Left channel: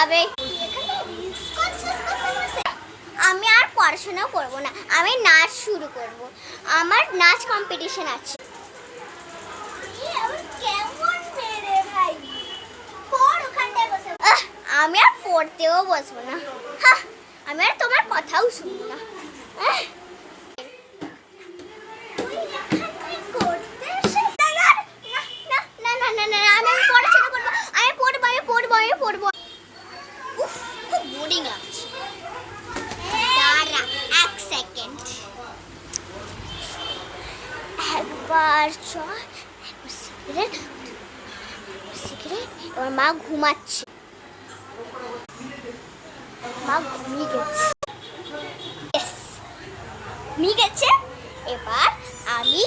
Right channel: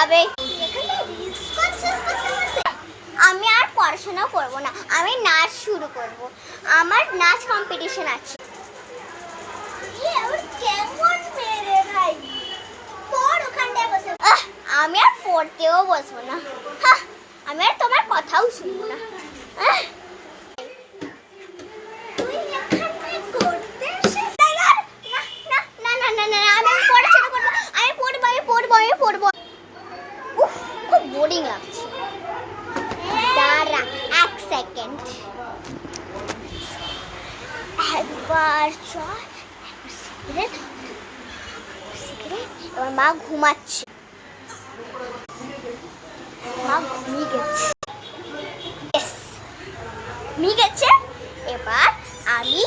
আবে আমি আর পড়াশোনা করব না, আমি নাচ শুরু করব। আমার নাচ কম্পিটিশন আছে। আমি আর পড়তেও বসবো না, আমি আর তোমার কথাও শুনবো না। উফ, খুব বোরিং লাগছে। দাঁড়া এক সেকেন্ড, একবার চল। Cigarette cigarette. মা ঘুমাচ্ছে, মা ঘুমিয়ে গেছে। ঘুমিয়ে গেছে, এবার আমি